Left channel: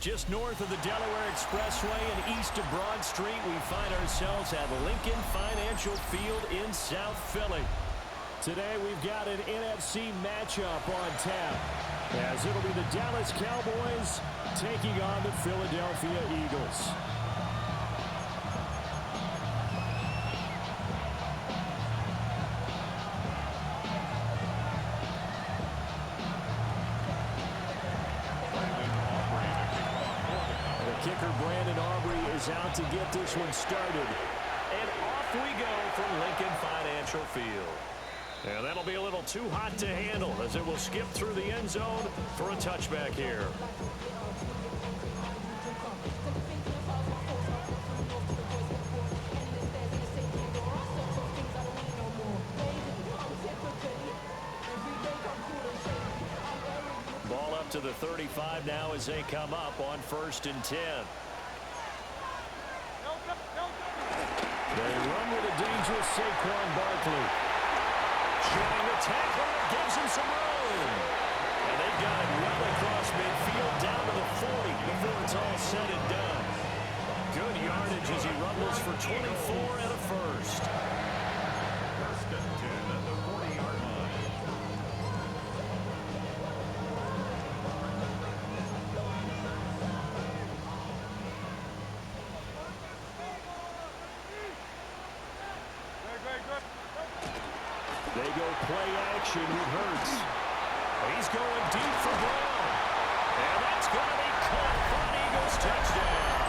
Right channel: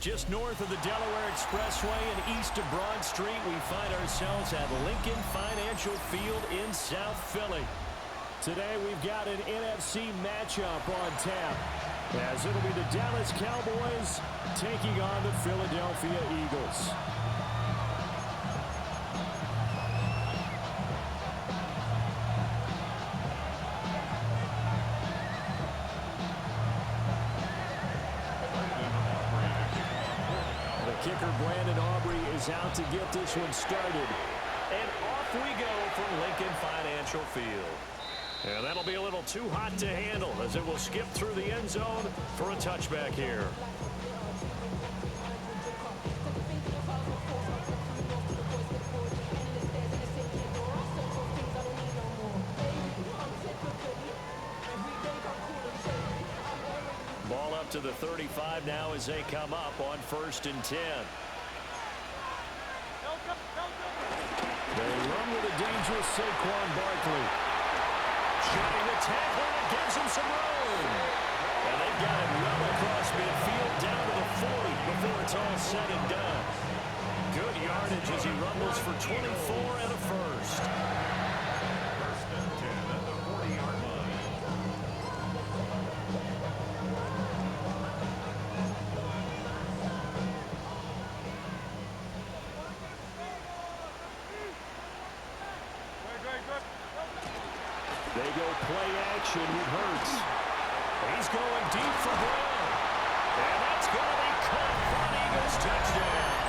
Just north of the Delaware Expressway and east of Broad Street, we find ourselves at Lincoln Financial Field in South Philly. Today we've got an NFC matchup on tap, as it'll be the Dallas Cowboys taking on the Philadelphia Eagles. Kicker Brandon Aubrey is out to get this one started. And off we go from Lincoln Financial Field. And that'll be a little too hot to handle as it will skip through the end zone for a touchback here. Ball up to the 35 now as they come up on 1st and 10. They run with a dangerous Saquon Barkley. Shutting the tackler, and it gives him some room. And they've got it well across midfield down to the 40 before it's all said and done. Good yardage as he rumbles for 24 and a first. 1st and 10 at the 40-yard line. They go play action with Hurts. He's going deep for Brown. And that's going to be caught for an Eagles touchdown.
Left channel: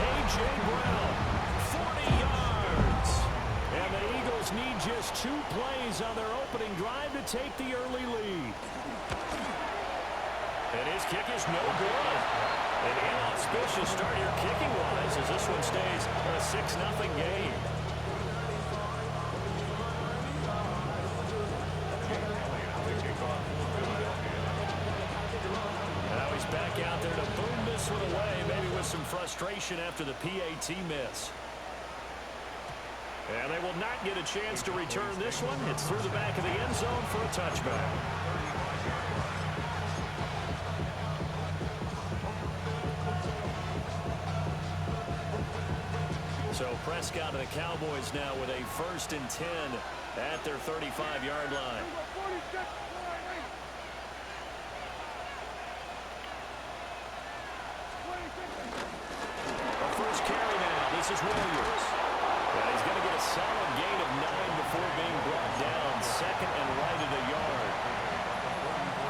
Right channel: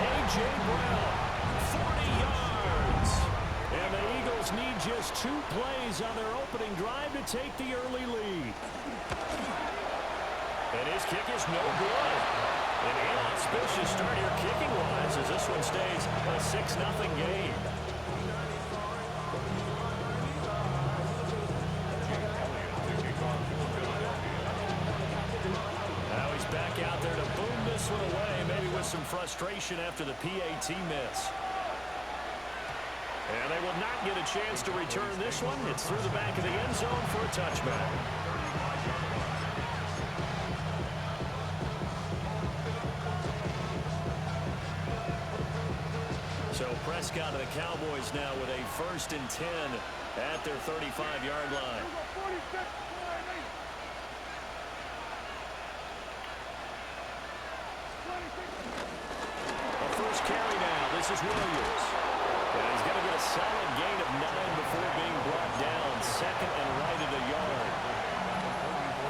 A.J. Brown, 40 yards. And the Eagles need just 2 plays on their opening drive to take the early lead. And his kick is no good. An inauspicious start here kicking-wise as this one stays a 6-0 game. Now he's back out there to boom this one away, maybe with some frustration after the PAT miss. And they will not get a chance to return this one. It's through the back of the end zone for a touchback. So Prescott and the Cowboys now with a 1st and 10 at their 35-yard line. A first carry now. This is Williams. And he's going to get a solid gain of 9 before being brought down. 2nd and right at a yard.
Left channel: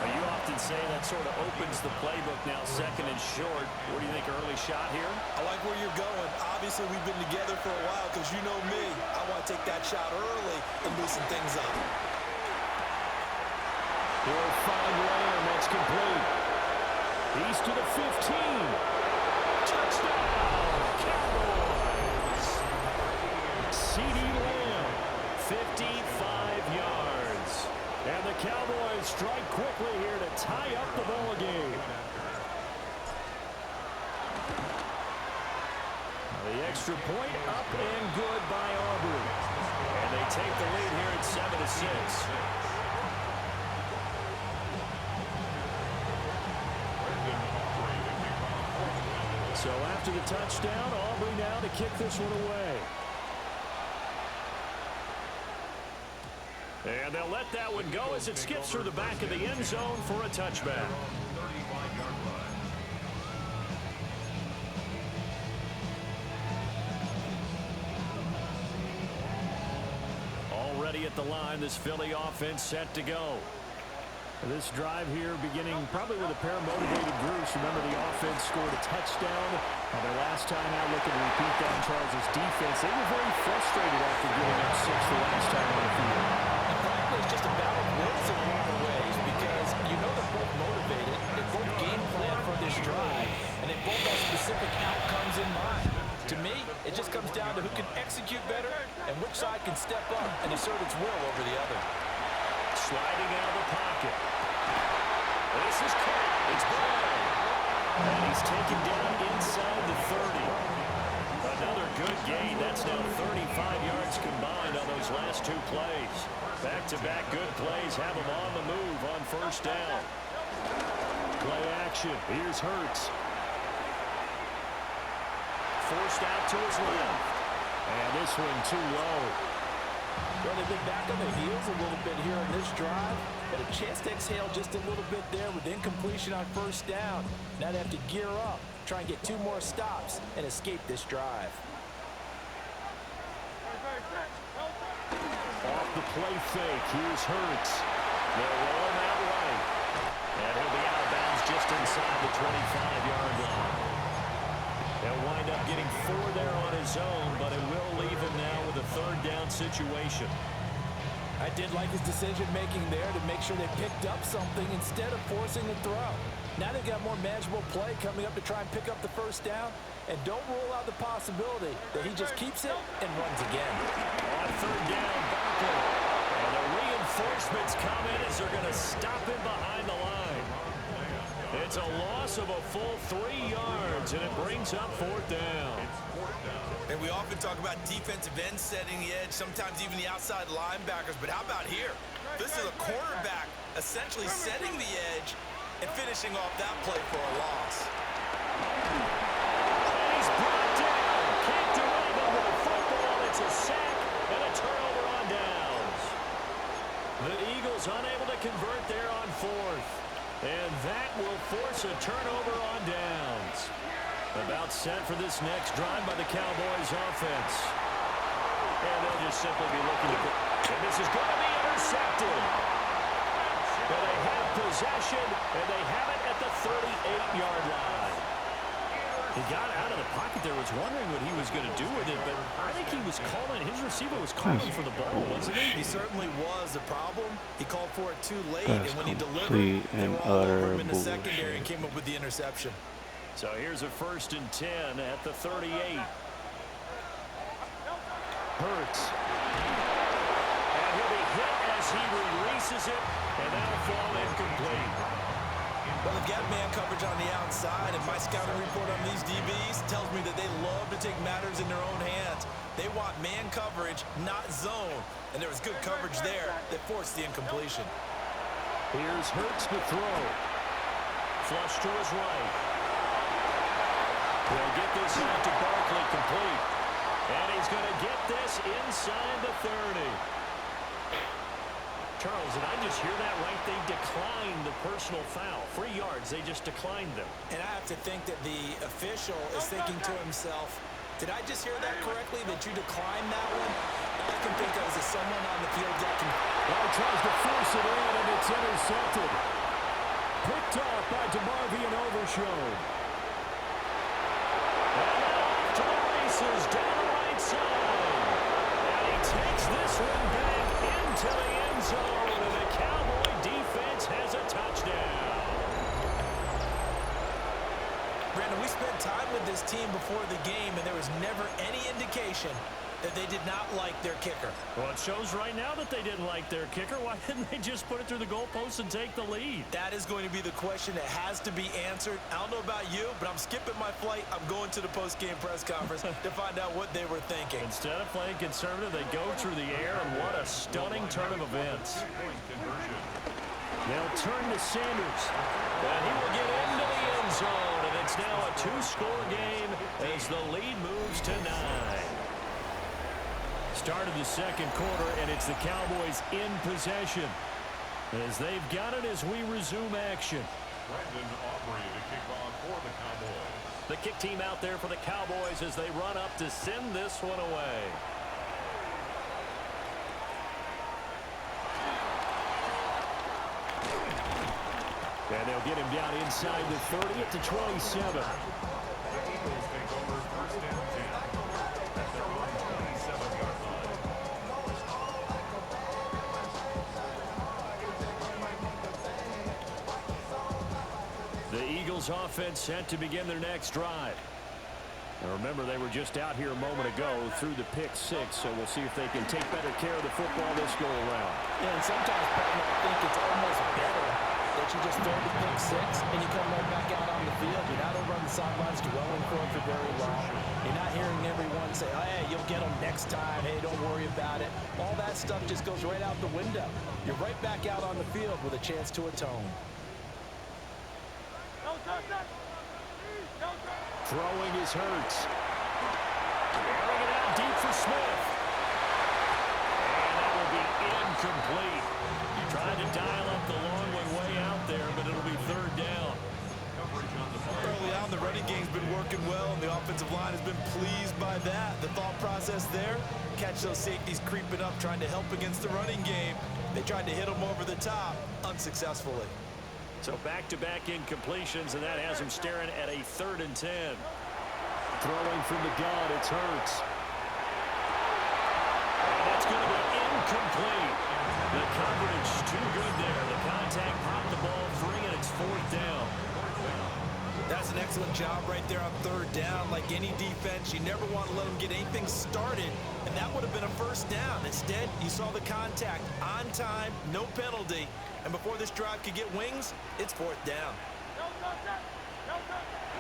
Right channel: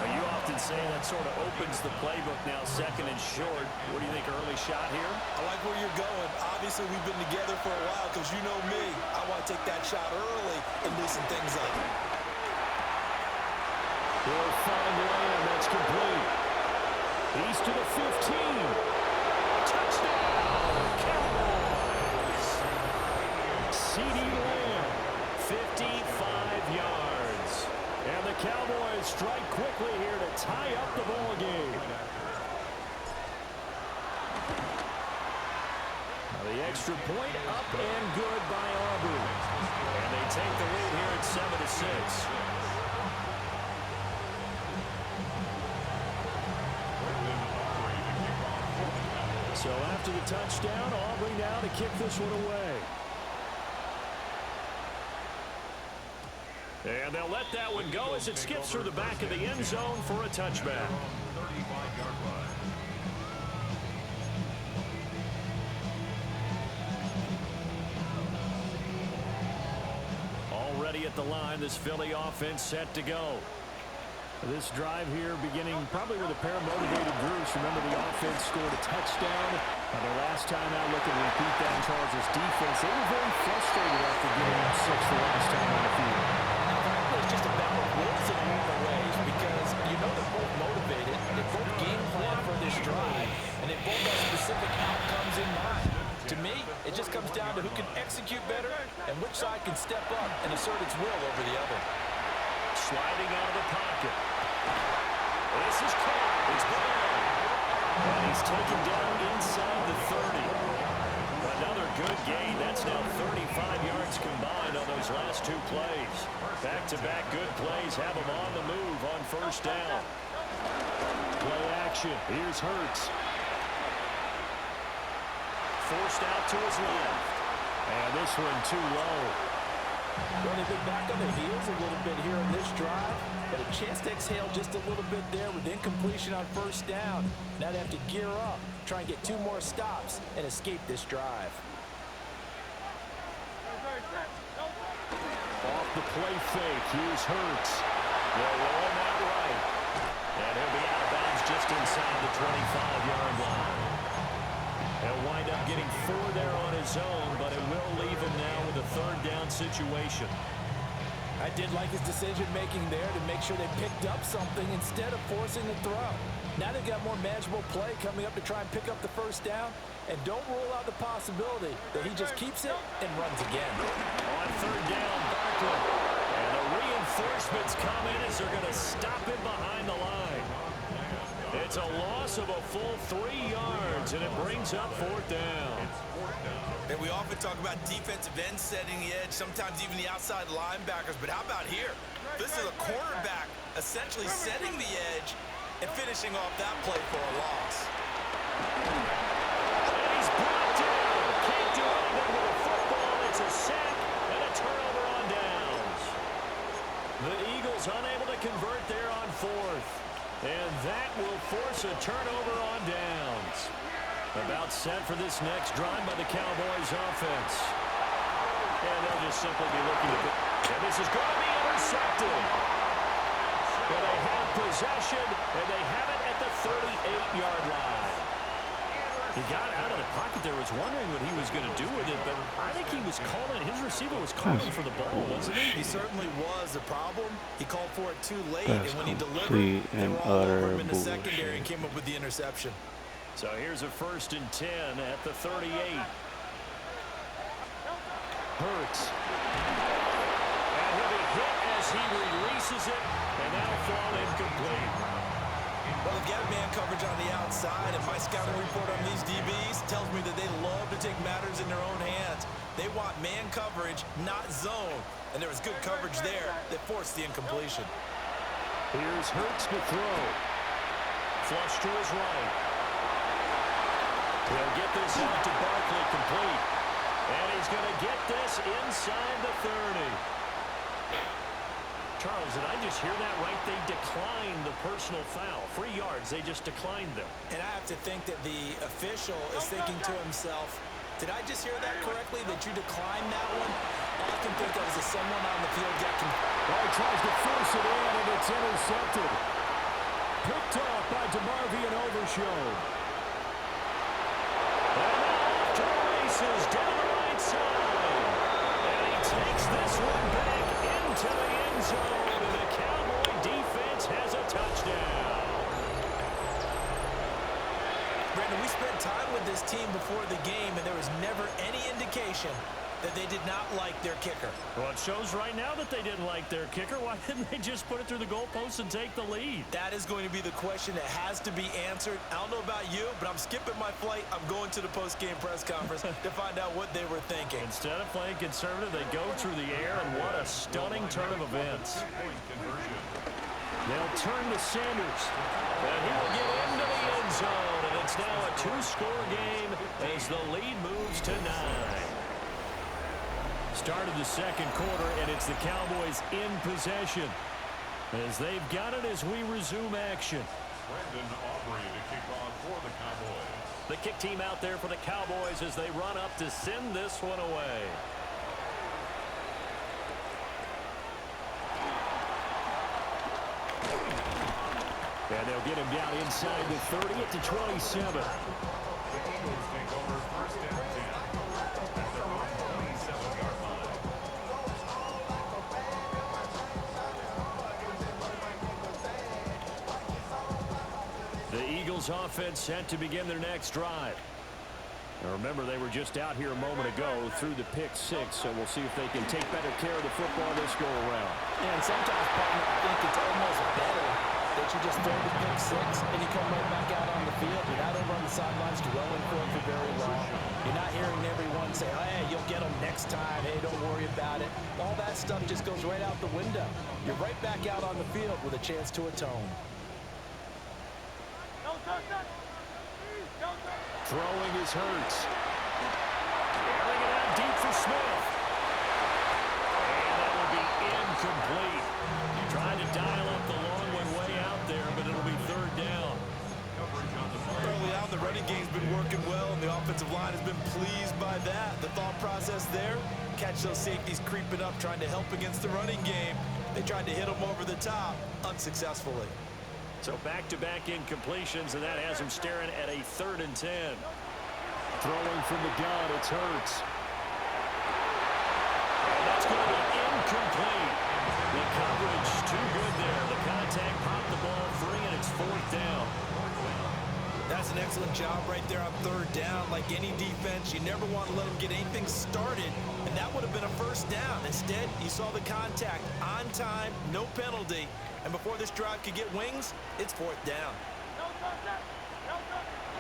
You often say that sort of opens the playbook now, 2nd and short. What do you think, early shot here? I like where you're going. Obviously, we've been together for a while because you know me. I want to take that shot early and loosen things up. He'll find Lamb. That's complete. He's to the 15. Touchdown, Cowboys. CeeDee Lamb, 55 yards. And the Cowboys strike quickly here to tie up the ball game. The extra point up and good by Aubrey. And they take the lead here at 7-6. So after the touchdown, Aubrey now to kick this one away. And they'll let that one go as it skips through the back of the end zone for a touchback. Already at the line, this Philly offense set to go. This drive here beginning probably with a pair of motivated groups. Remember, the offense scored a touchdown on their last time out. Looking to repeat that in Charles' defense. They were very frustrated after giving up 6 the last time on the field. And frankly, it's just a battle of wills in a lot of ways because you know they're both motivated. They both game plan for this drive, and they both have specific outcomes in mind. To me, it just comes down to who can execute better and which side can step up and assert its will over the other. Sliding out of the pocket. This is caught. It's Brown. And he's taken down inside the 30. Another good gain. That's now 35 yards combined on those last 2 plays. Back-to-back good plays have him on the move on 1st down. Play action. Here's Hurts. Forced out to his left. And this one too low. Well, they've been back on their heels a little bit here on this drive, but a chance to exhale just a little bit there with incompletion on first down. Now they have to gear up, try and get 2 more stops, and escape this drive. Off the play fake, here's Hurts. They'll roll him out right. And he'll be out of bounds just inside the 25-yard line. He'll wind up getting 4 there on his own, but it will leave him now with a 3rd down situation. I did like his decision-making there to make sure they picked up something instead of forcing the throw. Now they've got more manageable play coming up to try and pick up the 1st down, and don't rule out the possibility that he just keeps it and runs again. On 3rd down, Barkley. And the reinforcements come in as they're going to stop him behind the line. It's a loss of a full 3 yards, and it brings up 4th down. And we often talk about defensive ends setting the edge, sometimes even the outside linebackers, but how about here? This is a cornerback essentially setting the edge and finishing off that play for a loss. And he's brought down. Can't do anything with a football. It's a sack and a turnover on downs. The Eagles unable to convert there on 4th. And that will force a turnover on downs. About set for this next drive by the Cowboys offense. And they'll just simply be looking to... And this is going to be intercepted. And they have possession, and they have it at the 38-yard line. He got out of the pocket there, was wondering what he was going to do with it, but I think he was calling, his receiver was calling for the ball, wasn't he? He certainly was. The problem, he called for it too late, That's and when he delivered, complete they and were all over utter him in the secondary bullshit. and came up with the interception. So here's a 1st and 10 at the 38. Hurts. And he'll be hit as he releases it, and that'll fall incomplete. Well, they've got man coverage on the outside, and my scouting report on these DBs tells me that they love to take matters in their own hands. They want man coverage, not zone. And there was good coverage there that forced the incompletion. Here's Hurts to throw. Flush to his right. He'll get this out to Barkley complete. And he's going to get this inside the 30. Charles, did I just hear that right? They declined the personal foul. 3 yards, they just declined them. And I have to think that the official is thinking to himself, did I just hear that correctly, that you declined that one? All I can think of is that someone on the field got Well, he tries to force it in, and it's intercepted. Picked off by DeMarvion Overshown. And now off to the races, down the right side. And he takes this one back into the end zone, and the Cowboy defense has a touchdown. Brandon, we spent time with this team before the game, and there was never any indication that they did not like their kicker. Well, it shows right now that they didn't like their kicker. Why didn't they just put it through the goalpost and take the lead? That is going to be the question that has to be answered. I don't know about you, but I'm skipping my flight. I'm going to the post-game press conference to find out what they were thinking. Instead of playing conservative, they go through the air, and what a stunning turn of events. They'll turn to Sanders, and he will get into the end zone, and it's now a 2-score game as the lead moves to 9. Start of the 2nd quarter, and it's the Cowboys in possession as they've got it as we resume action. Brandon Aubrey to kick off for the Cowboys. The kick team out there for the Cowboys as they run up to send this one away. And they'll get him down inside the 30 at the 27. The Eagles take over 1st and 10 at their own 27-yard line. The Eagles offense set to begin their next drive. Now remember, they were just out here a moment ago through the pick 6, so we'll see if they can take better care of the football this go around. And sometimes, partner, I think it's almost better that you just throw the pick 6 and you come right back out on the field. You're not over on the sidelines dwelling for it for very long. You're not hearing everyone say, oh, hey, you'll get them next time. Hey, don't worry about it. All that stuff just goes right out the window. You're right back out on the field with a chance to atone. Throwing is Hurts. Airing it out deep for Smith. And that will be incomplete. Tried to dial up the long one way out there, but it'll be third down. Early on, the running game's been working well, and the offensive line has been pleased by that. The thought process there, catch those safeties creeping up, trying to help against the running game. They tried to hit them over the top, unsuccessfully. So back-to-back incompletions, and that has him staring at a 3rd and 10. Throwing from the gun, it's Hurts. And that's going to be incomplete. The coverage too good there. The contact popped the ball free, and it's 4th down. That's an excellent job right there on 3rd down. Like any defense, you never want to let them get anything started, and that would have been a 1st down. Instead, you saw the contact on time, no penalty, and before this drive could get wings, it's 4th down.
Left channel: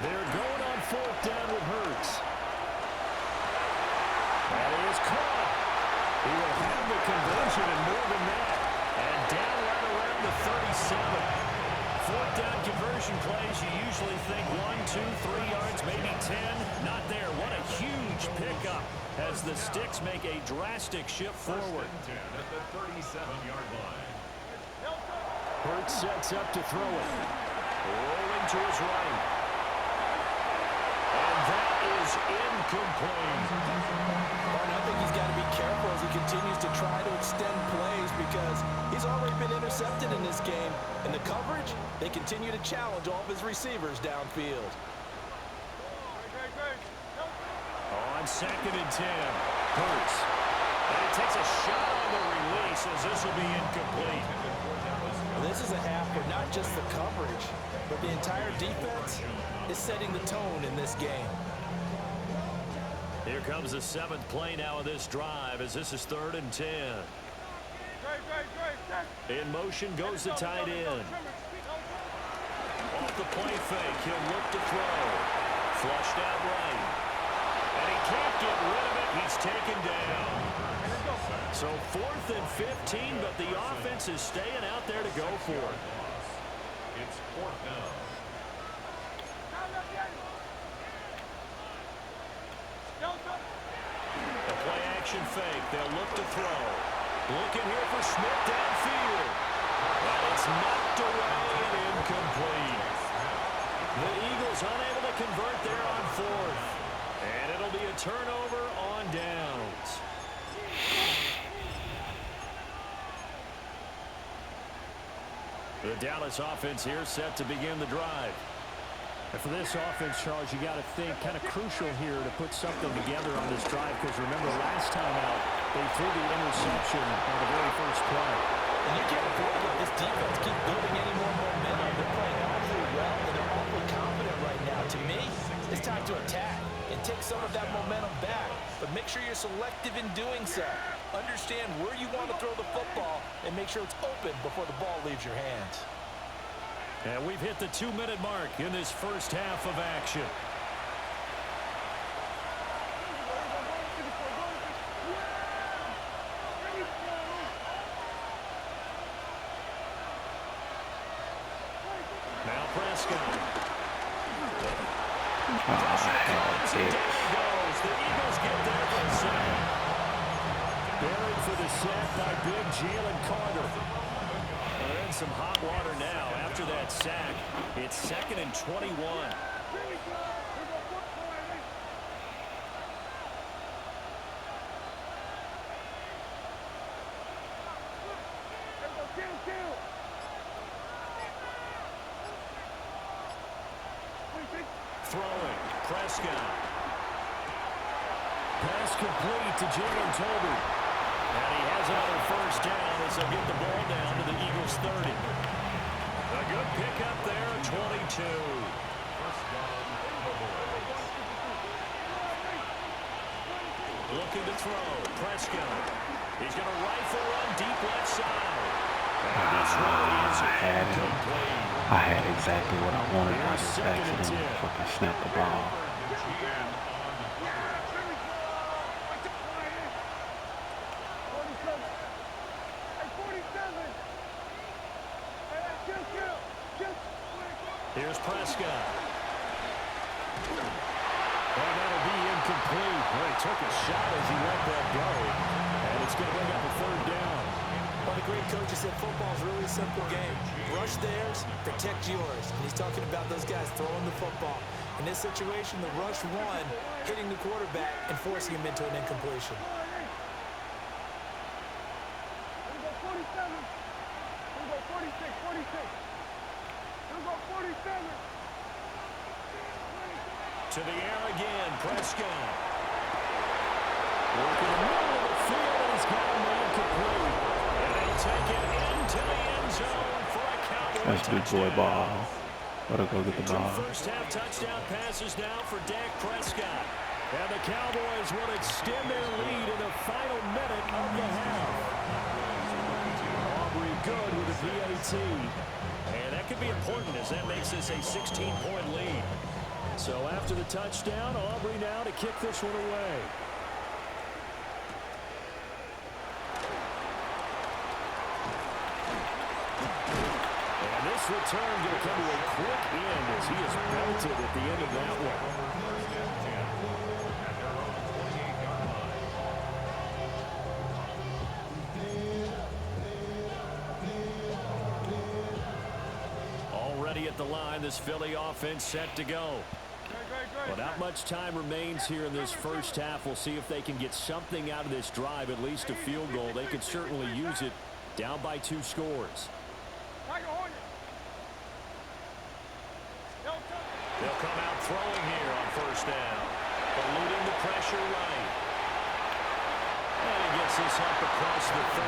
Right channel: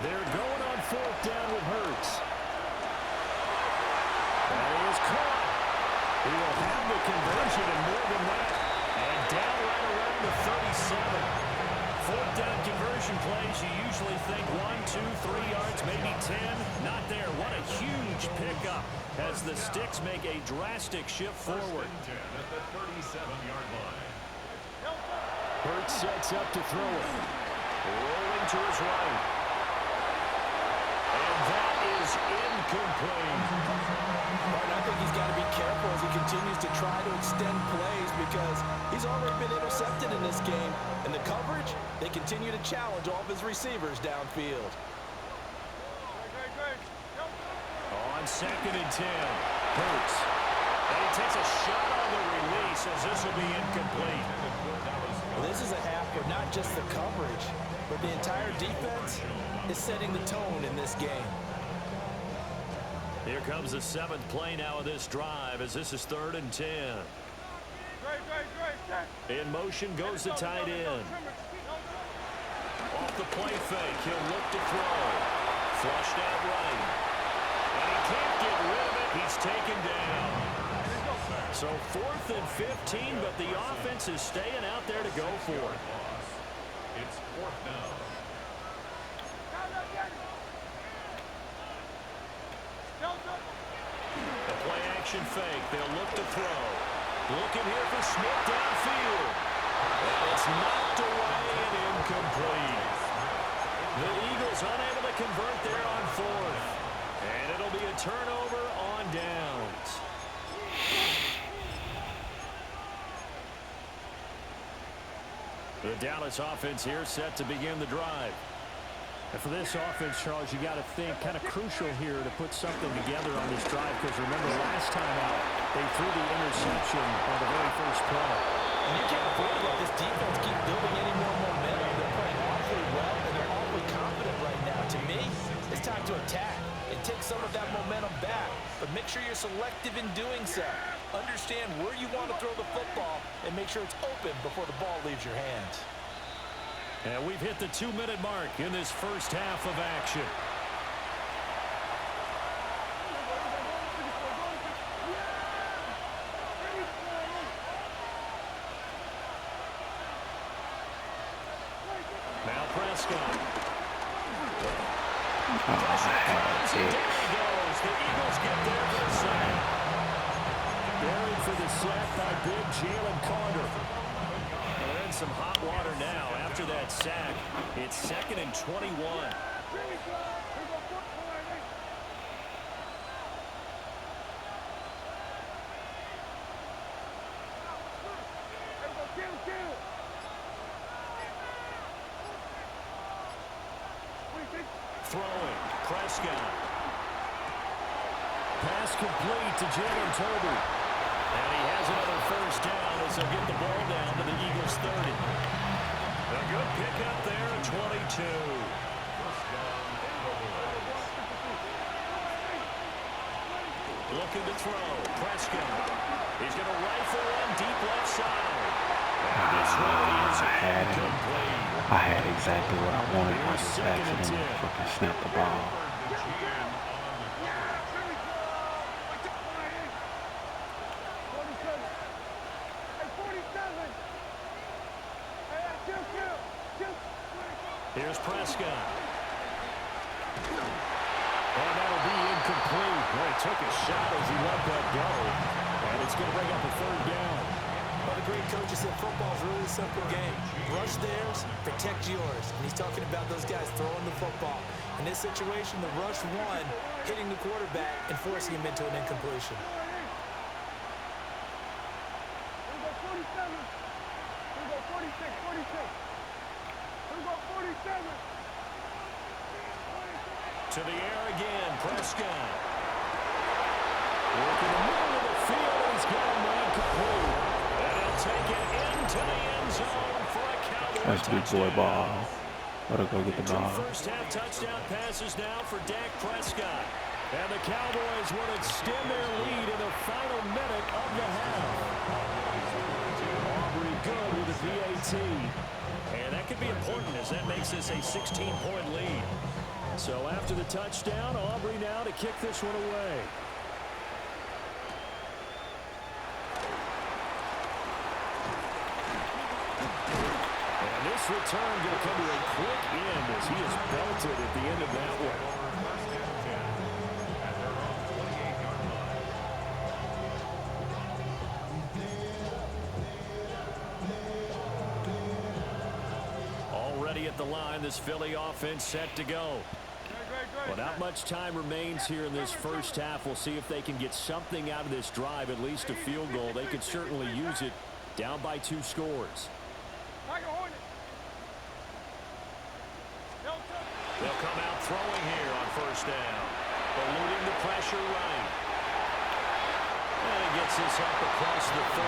They're going on 4th down with Hurts. That is caught. He will have the conversion and more than that. And down right around the 37. 4th down conversion plays, you usually think 1, 2, 3 yards, maybe 10. Not there. What a huge pickup as the Sticks make a drastic shift forward. 10 at the 37-yard line. Hurts sets up to throw it. Rolling to his right. And that is incomplete. Martin, I think he's got to be careful as he continues to try to extend plays because he's already been intercepted in this game. And the coverage, they continue to challenge all of his receivers downfield. On 2nd and 10, Hurts. And he takes a shot on the release as this will be incomplete. Well, this is a half where not just the coverage, but the entire defense is setting the tone in this game. Here comes the 7th play now of this drive as this is 3rd and 10. In motion goes the tight end. Off the play fake, he'll look to throw. Flushed out right. And he can't get rid of it. He's taken down. So 4th and 15, but the offense is staying out there to go for it. It's 4th down. The play action fake. They'll look to throw. Looking here for Smith downfield. And it's knocked away and incomplete. The Eagles unable to convert there on 4th. And it'll be a turnover on downs. The Dallas offense here set to begin the drive. And for this offense, Charles, you got to think kind of crucial here to put something together on this drive because remember last time out, they threw the interception on the very first play. And you can't afford to let this defense keep building any more momentum. They're playing awfully well, and they're awfully confident right now. To me, it's time to attack and take some of that momentum back. But make sure you're selective in doing so. Understand where you want to throw the football and make sure it's open before the ball leaves your hands. And we've hit the 2-minute mark in this first half of action. Now Prescott. There he goes. The Eagles get there for the sack. Buried for the sack by big Jalen Carter. Well, they're in some hot water now. After that sack, it's 2nd and 21. Throwing, Prescott. Pass complete to Jalen Tolbert. And he has another first down as they'll get the ball down to the Eagles' 30. A good pickup there, 22. Looking to throw, Prescott. He's going to rifle one deep left side. And this one is incomplete. I had exactly what I wanted. I just accidentally fucking snapped the ball. Here Here's Prescott. And that'll be incomplete. Well, he took a shot as he let that go. And it's going to bring up a third down. Well, the great coach said football's really a simple game. Rush theirs, protect yours. And he's talking about those guys throwing the football. In this situation, the rush one, hitting the quarterback and forcing him into an incompletion. Here we go 47. Here we go 46, 46. Here we go 47. To the air again, Prescott. Working the middle of the field, and he's got a man complete. And he'll take it into the end zone for a Cowboy That's big boy ball. Gotta go get the ball. Two first-half touchdown passes now for Dak Prescott. And the Cowboys will extend their lead in the final minute of the half. Aubrey good with a PAT. And that could be important as that makes this a 16-point lead. So after the touchdown, Aubrey now to kick this one away. And this return going to come to a quick end as he is belted at the end of that one. First and 10 at their own 28-yard line. Already at the line, this Philly offense set to go. Well, not much time remains here in this first half. We'll see if they can get something out of this drive, at least a field goal. They could certainly use it down by 2 scores. They'll come out throwing here on first down. Eluding the pressure right. And he gets this up across the 35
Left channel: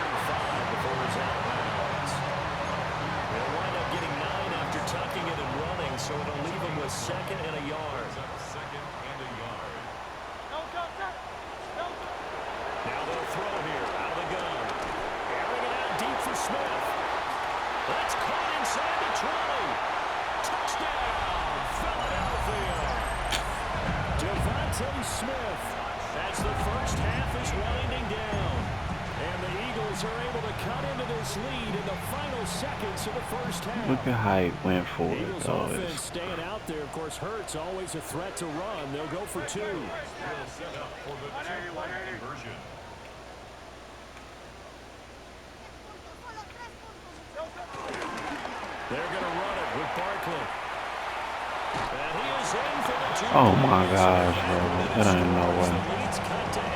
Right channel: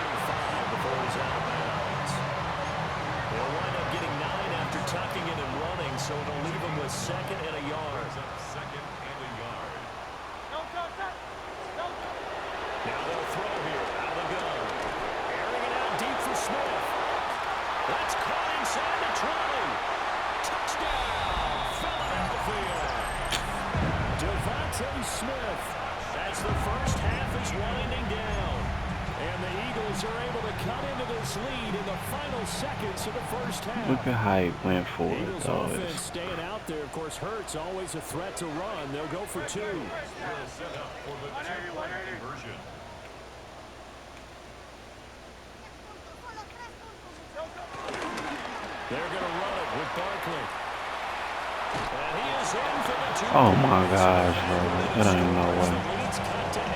before he's out of bounds. They'll wind up getting 9 after tucking it and running, so it'll leave him with 2nd and a yard. Second and a yard. Now they'll throw here out of the gun. Airing it out deep for Smith. That's caught inside the 20. Touchdown, Philadelphia. Devontae Smith as the first half is winding down. And the Eagles are able to cut into this lead in the final seconds of the first half. Look at how he went for it, Eagles though. offense staying out there. Of course, Hurts always a threat to run. They'll go for 2. Will set up for the 2-point conversion. They're going to run it with Barkley. And he is in for the 2. Oh my gosh, bro. That ain't no way. The lead's cut to 8.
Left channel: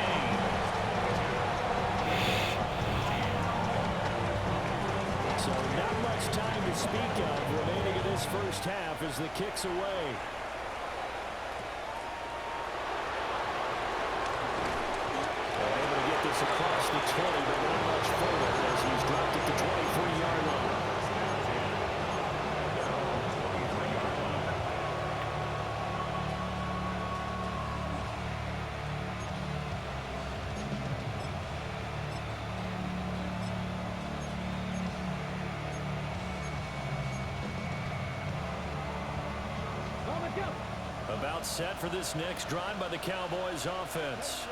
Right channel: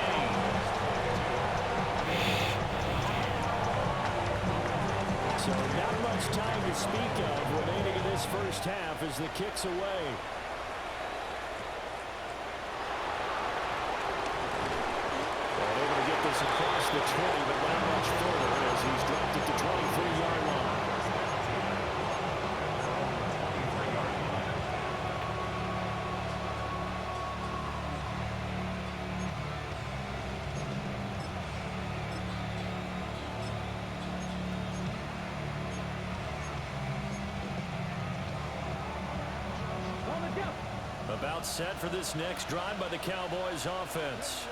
So not much time to speak of remaining in this first half as the kick's away. And able to get this across the 20, but not much further as he's dropped it to 23-yard line. About set for this next drive by the Cowboys offense.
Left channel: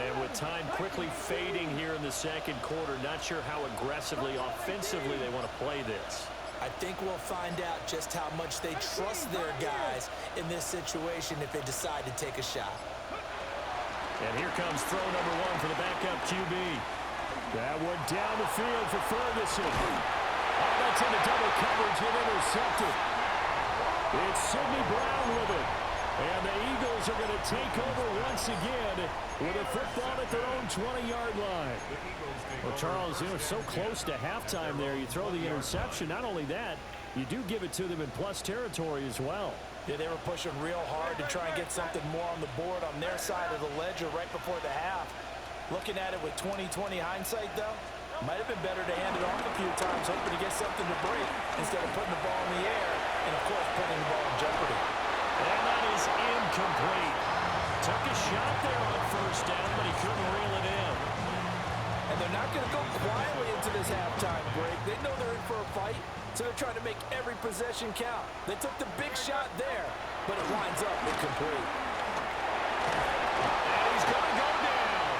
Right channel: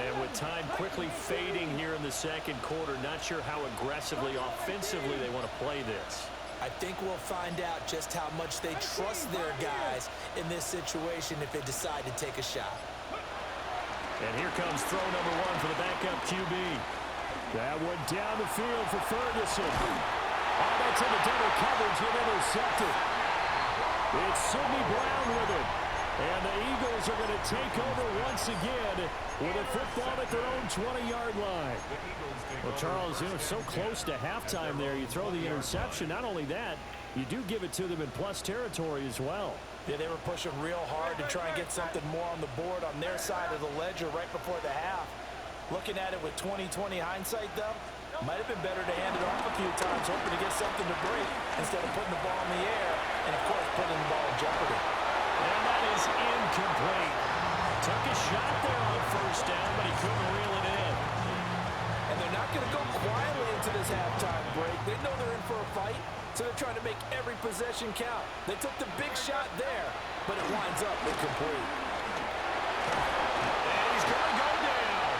And with time quickly fading here in the second quarter, not sure how aggressively, offensively they want to play this. I think we'll find out just how much they trust their guys in this situation if they decide to take a shot. And here comes throw number 1 for the backup QB. That one down the field for Ferguson. Oh, that's into double coverage and intercepted. It's Sidney Brown with it. And the Eagles are going to take over once again with a football at their own 20-yard line. Well, Charles, you know, so close to halftime there. You throw the interception. Not only that, you do give it to them in plus territory as well. Yeah, they were pushing real hard to try and get something more on the board on their side of the ledger right before the half. Looking at it with 20/20 hindsight, though, might have been better to hand it off a few times, hoping to get something to break instead of putting the ball in the air and, of course, putting the ball in jeopardy. And that is incomplete. Took a shot there on first down, but he couldn't reel it in. And they're not going to go quietly into this halftime break. They know they're in for a fight, so they're trying to make every possession count. They took the big shot there, but it winds up incomplete. And he's going to go down.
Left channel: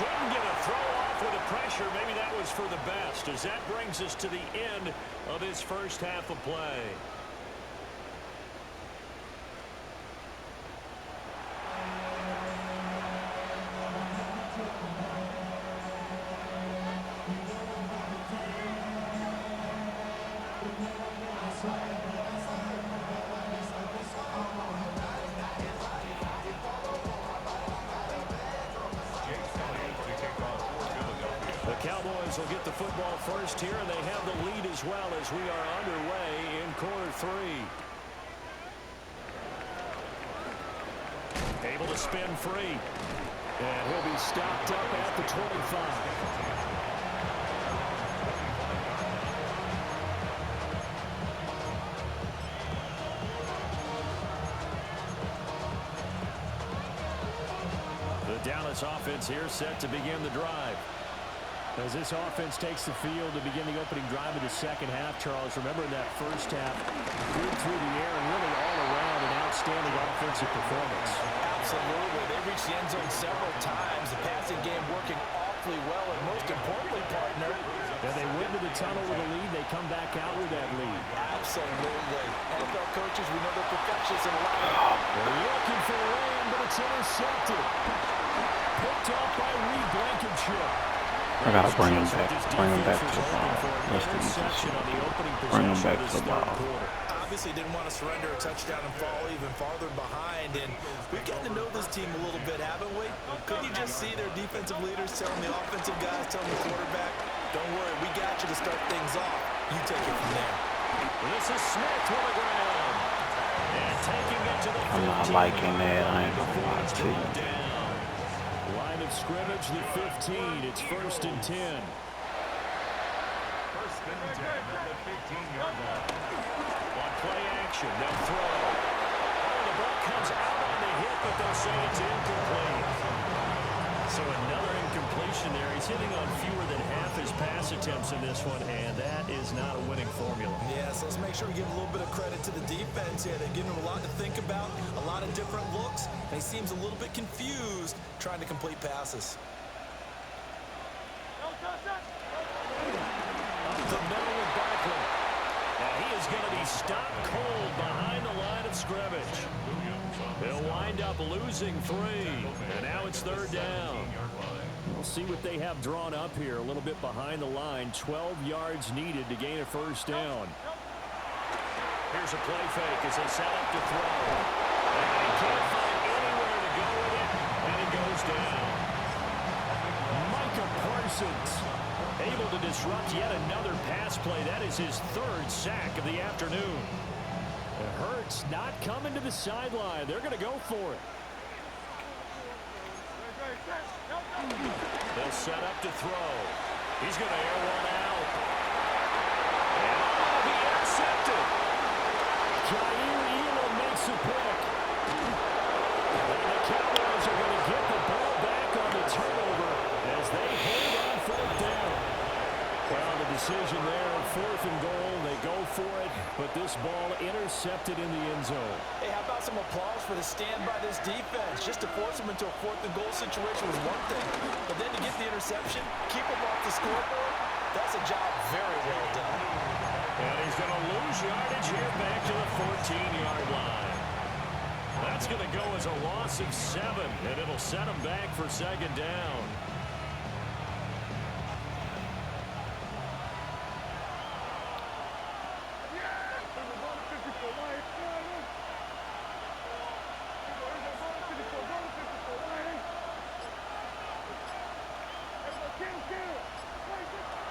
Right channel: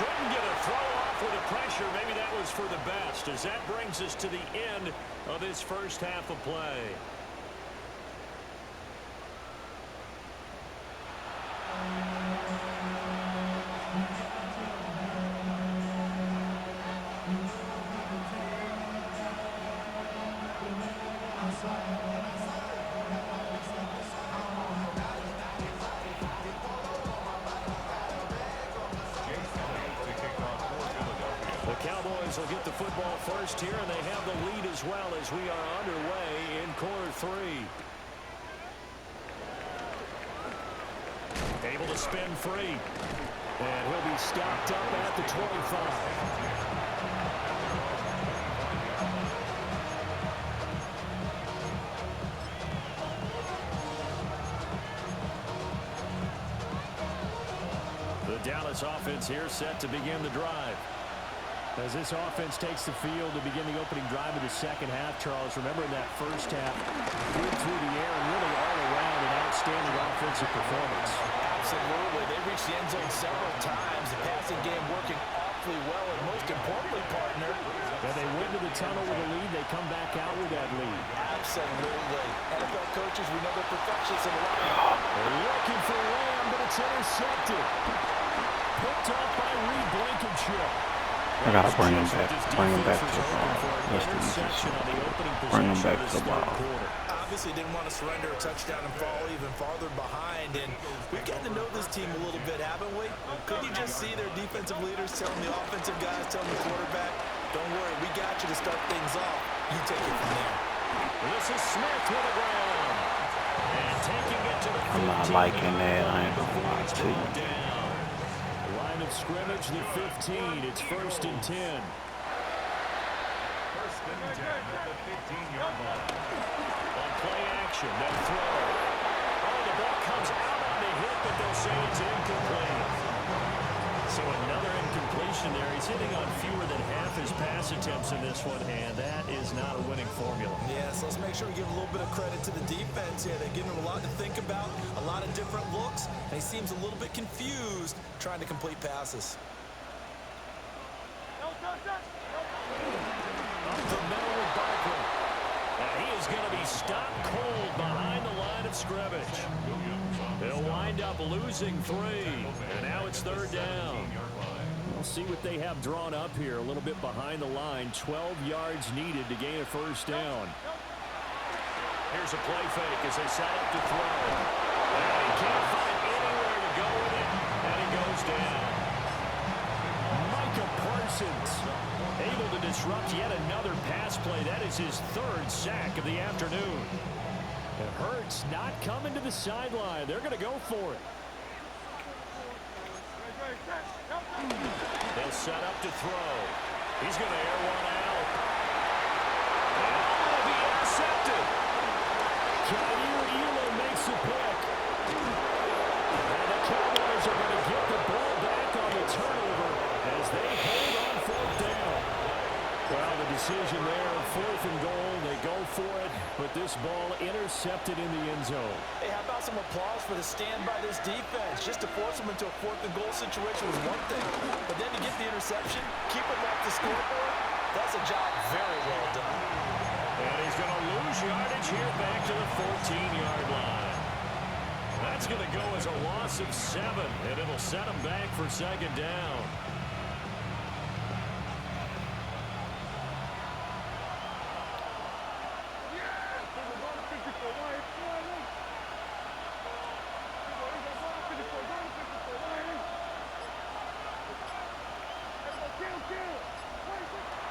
Couldn't get a throw off with the pressure. Maybe that was for the best, as that brings us to the end of this first half of play. Cowboys will get the football first here, and they have the lead as well as we are underway in quarter 3. Able to spin free. And he'll be stopped up at the 25. The Dallas offense here set to begin the drive. As this offense takes the field to begin the opening drive of the second half, Charles, remember in that first half, good through the air and really all around an outstanding offensive performance. Absolutely. They reached the end zone several times. The passing game working awfully well, and most importantly, partner, and they went to the tunnel with a lead. They come back out with that lead. Absolutely. NFL coaches, we know they're perfectionists in a lot. They're looking for Lamb, but it's intercepted. Picked off by Reed Blankenship. I gotta bring him back. Bring him back to the ball. Let's do this. Bring him back to the ball. Obviously didn't want to surrender a touchdown and fall even farther behind. And we've gotten to know this team a little bit, haven't we? Could you just see their defensive leaders telling the offensive guys, telling the quarterback, don't worry, we got you to start things off. You take it from there. This is Smith with the ground. And taking it to the 15. I'm not liking that. I ain't gonna lie to you. Line of scrimmage, the 15. It's 1st and 10. 1st and 10 at the 15-yard line. On play action, they'll throw. Oh, the ball comes out on the hit, but they'll say it's incomplete. So another incompletion there. He's hitting on fewer than half his pass attempts in this one, and that is not a winning formula. Yeah, so let's make sure we give a little bit of credit to the defense here. They're giving him a lot to think about, a lot of different looks, and he seems a little bit confused trying to complete passes. Up the middle with Barkley. And he is going to be stopped cold behind the line of scrimmage. They'll wind up losing 3. And now it's 3rd down. We'll see what they have drawn up here. A little bit behind the line. 12 yards needed to gain a 1st down. Here's a play fake as they set up to throw. And he can't find anywhere to go with it. And he goes down. Micah Parsons able to disrupt yet another pass play. That is his 3rd sack of the afternoon. And Hurts not coming to the sideline. They're going to go for it. They'll set up to throw. He's going to air one out. And it'll be intercepted. Jair Elam makes a pick. And the Cowboys are going to get the ball back on the turnover as they hold on 4th down. Well, the decision there, 4th and goal. They go for it, but this ball intercepted in the end zone. Hey, how about some applause for the stand by this defense? Just to force them into a 4th and goal situation was one thing, but then to get the interception, keep them off the scoreboard, that's a job very well done. And he's going to lose yardage here back to the 14-yard line. That's going to go as a loss of 7, and it'll set him back for 2nd down.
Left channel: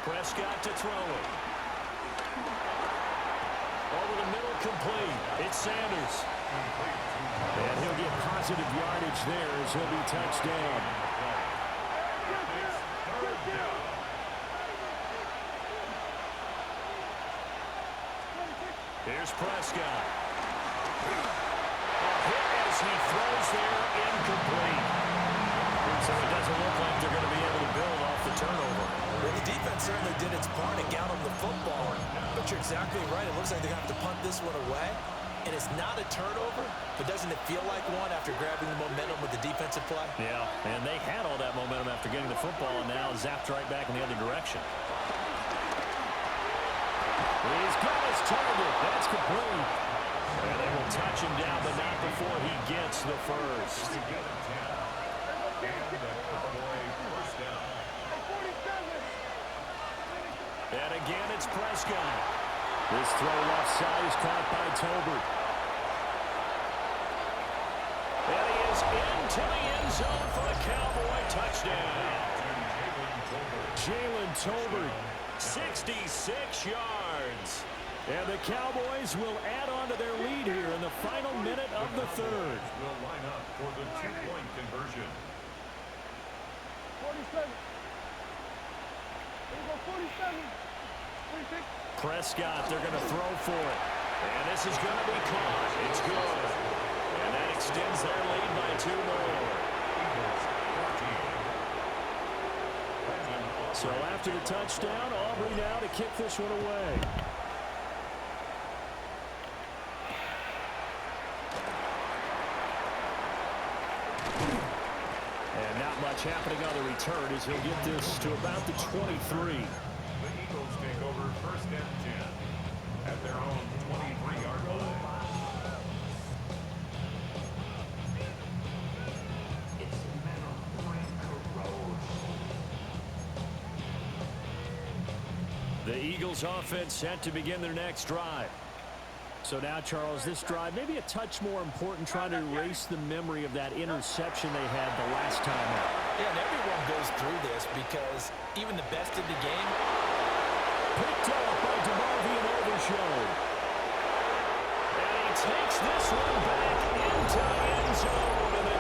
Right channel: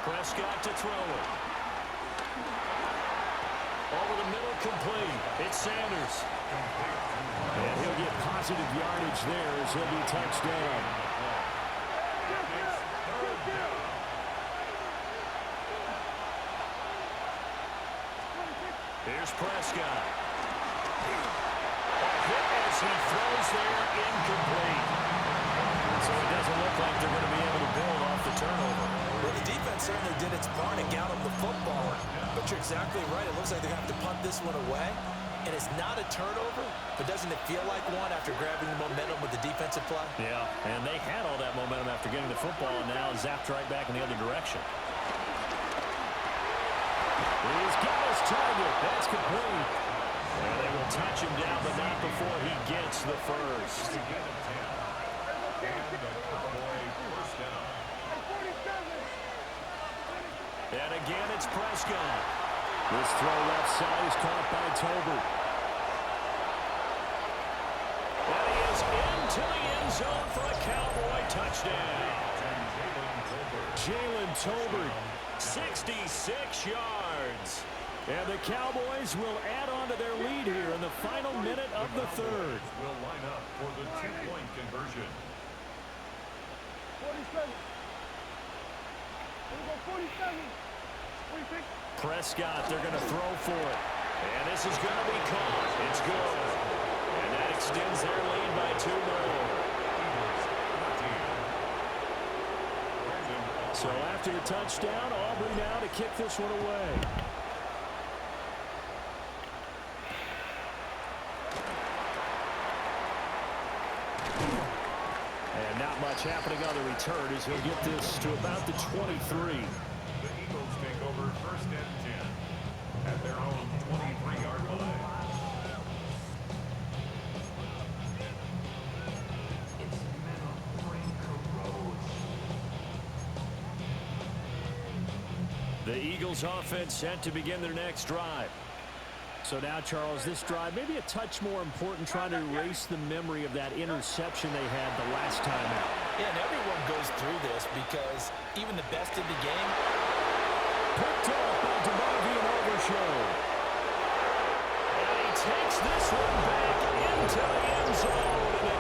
Prescott to throw it. Over the middle, complete. It's Sanders. And he'll get positive yardage there as he'll be touched down. Here's Prescott. A hit as he throws there, incomplete. So it doesn't look like they're going to be able to build off the turnover. Well, the defense certainly did its part and got him the football. But you're exactly right. It looks like they're going to have to punt this one away. And it's not a turnover, but doesn't it feel like one after grabbing the momentum with the defensive play? Yeah, and they had all that momentum after getting the football and now zapped right back in the other direction. He's got his target. That's complete. And they will touch him down, but not before he gets the first. And again, it's Prescott. This throw left side is caught by Tolbert. And he is into the end zone for a Cowboy touchdown. Jalen Tolbert, 66 yards. And the Cowboys will add on to their lead here in the final minute of the third. Will line up for the two-point conversion. 47. Here we go, 47. 46. Prescott, they're going to throw for it. And this is going to be caught. It's good. And that extends their lead by 2 more. So after the touchdown, Aubrey now to kick this one away. And not much happening on the return as he'll get this to about the 23. The Eagles take over first and 10 at their own 23-yard line. The Eagles offense set to begin their next drive. So now, Charles, this drive maybe a touch more important, trying to erase the memory of that interception they had the last time out. Yeah, and everyone goes through this because even the best in the game. Picked off by DeMarvion Overshown. And he takes this one back into the end zone, and they